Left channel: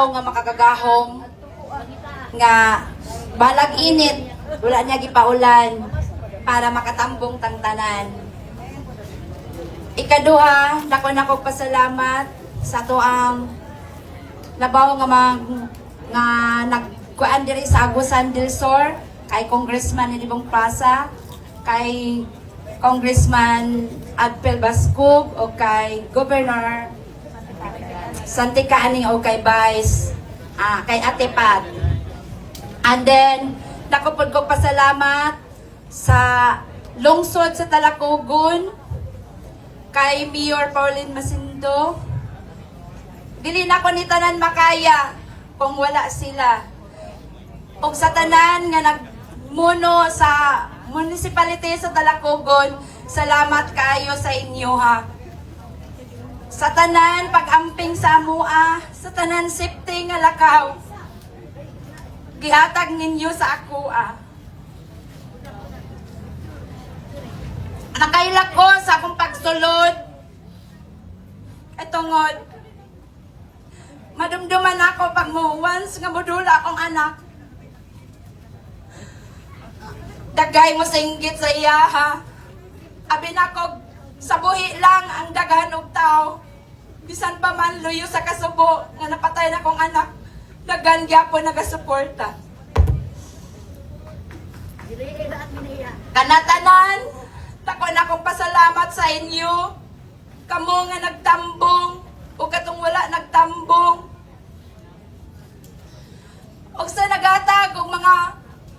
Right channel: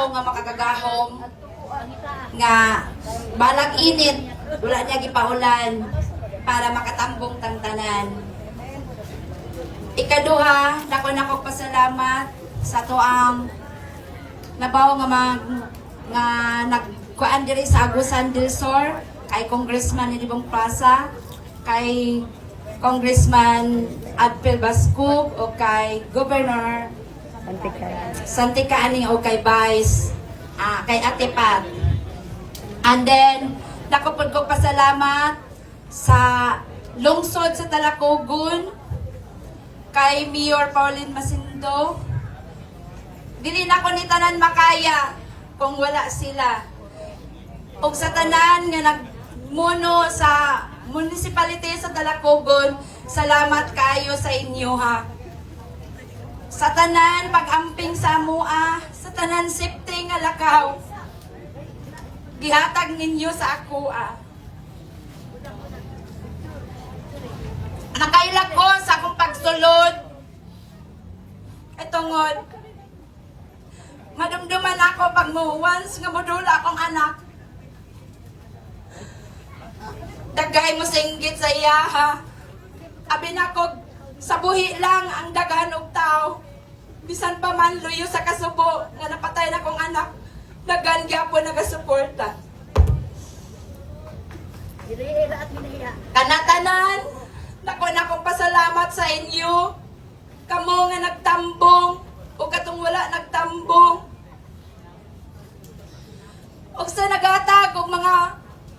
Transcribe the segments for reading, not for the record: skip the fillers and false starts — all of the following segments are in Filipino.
adlaw nga makagagahom nga balag init wala niya gipaulan para makatambong tangtanan. Ikaduha, nako pasalamat sa tuang nabaw nga nagkuan diri sa Agusan del Sur kay Congressman Nilibong Plaza, kay Congressman Adpel Bascub o kay Governor Santika Aning o kay Vice kay Ate Pat. And then nakupod ko pasalamat sa lungsod sa Talacogon kay Mayor Pauline Masindo. Dili na ko ni tanan makaya kung wala sila. Og sa tanan nga nagmuno sa municipality sa Talacogon, salamat kayo sa inyo ha. Sa tanan pag-amping sa amua, sa tanan safety nga lakaw, gihatag ninyo sa akoa. Nakailag ko sa akong pagsulod ay tungod madumduman ako pag mo once nga modula akong anak. Dagay mo singgit sa iya ha. Abi na ko sa buhi lang ang daghan og tao. Bisan pa man luyo sa kasubo nga napatay na akong anak. Daghan gyapon nagasuporta. Kanatanan, nako na akong pasalamat sa inyo. Kamo nga nagtambong o katong wala nagtambong. O sa nagatag og mga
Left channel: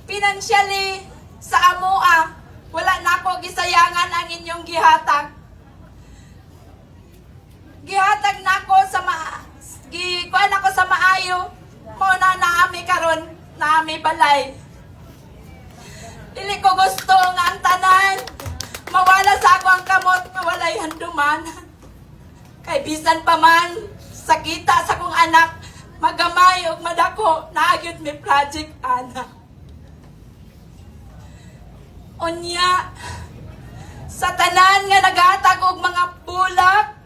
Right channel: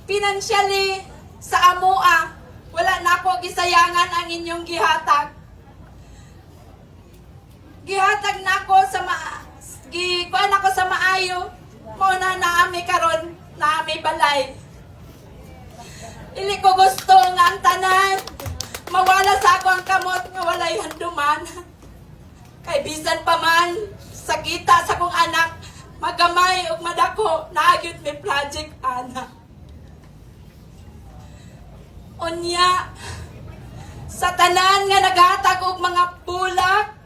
financially sa amoa, wala na ako gisayangan ang inyong gihatag. Gihatag na ako sa gikuan ako sa maayo. Mo na naami karon, naami balay. Dili ko gusto nga ang tanan mawala sa ako ang kamot nga walay handuman. Kay bisan pa man sakita sa kong anak, magamay ug madako naagyud mi project anak. Unya, sa tanan nga naghatag og mga bulak,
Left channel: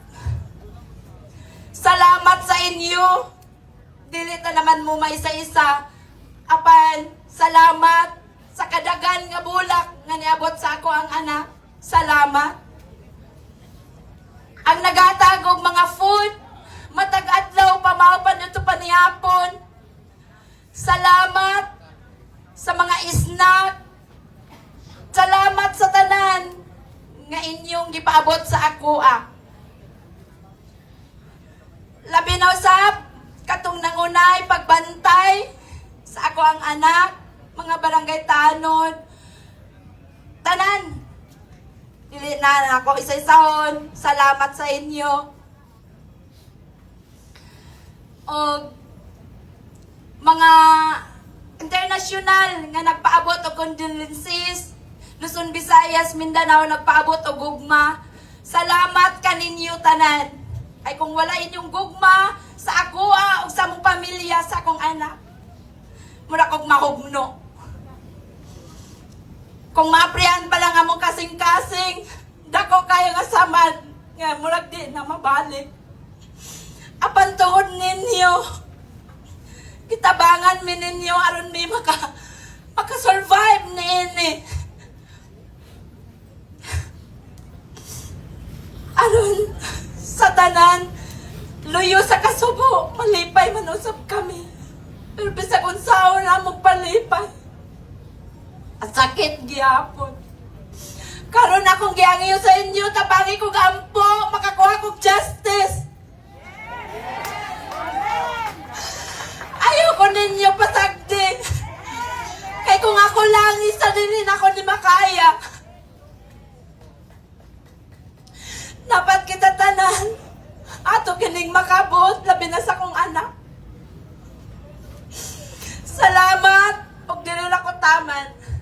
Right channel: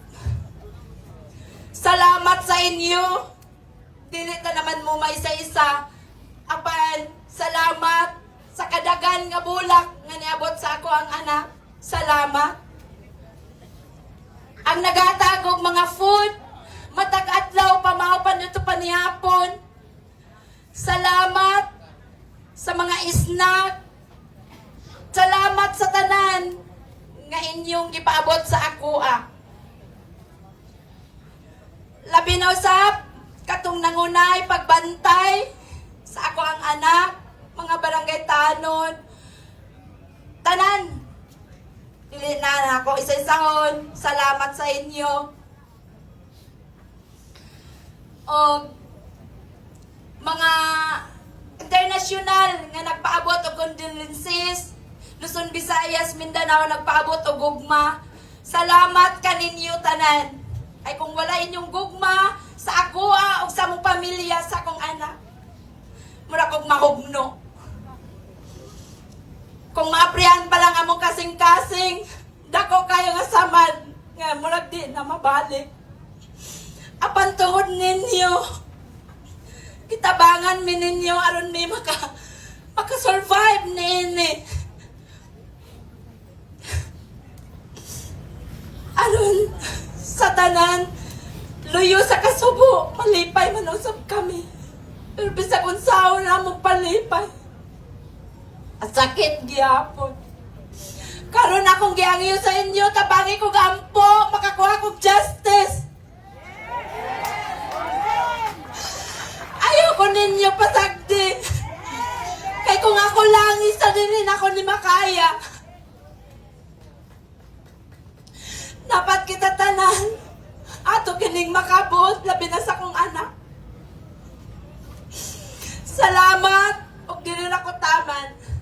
salamat sa inyo. Dili ta naman mo may isa-isa. Apan, salamat sa kadagan nga bulak nga niabot sa ako ang anak. Salamat. Ang naghatag og mga food, matag adlaw pamaopan nito panihapon. Salamat sa mga snack. Salamat sa tanan nga inyong gipaabot sa ako Labi na usab katong nangunay pagbantay sa ako ang anak, mga barangay tanod. Tanan. Dili na ako isa-isahon. Salamat sa inyo. O mga international nga nagpaabot og condolences. Luzon, Visayas, Mindanao nagpaabot og gugma. Salamat kaninyo tanan. Ay kung wala inyong gugma sa ako o sa mong pamilya, sa akong anak, mura kong mahugno. Kung maaprihan pa lang among kasing-kasing, dako kayo nga samad, nga murag di na mabalik. Apan tuhod ninyo, kitabangan mi ninyo aron mi maka-survive ni ini. Aron sa tanan, luyo sa kasubo, malipay man usab kami. Pero bisag unsaon na mo palipay. At sakit gihapon. Karon akong giangyo sa inyo, tabangi ko gampo, makakuha kong justice. Ayoko ninyo pasagdi. Kay kung ako lang, isa din ako ni makaya. Dapat kita tanan. Ato kining makabot, labi na sa kong anak. Salamat. Og dili na ko taman.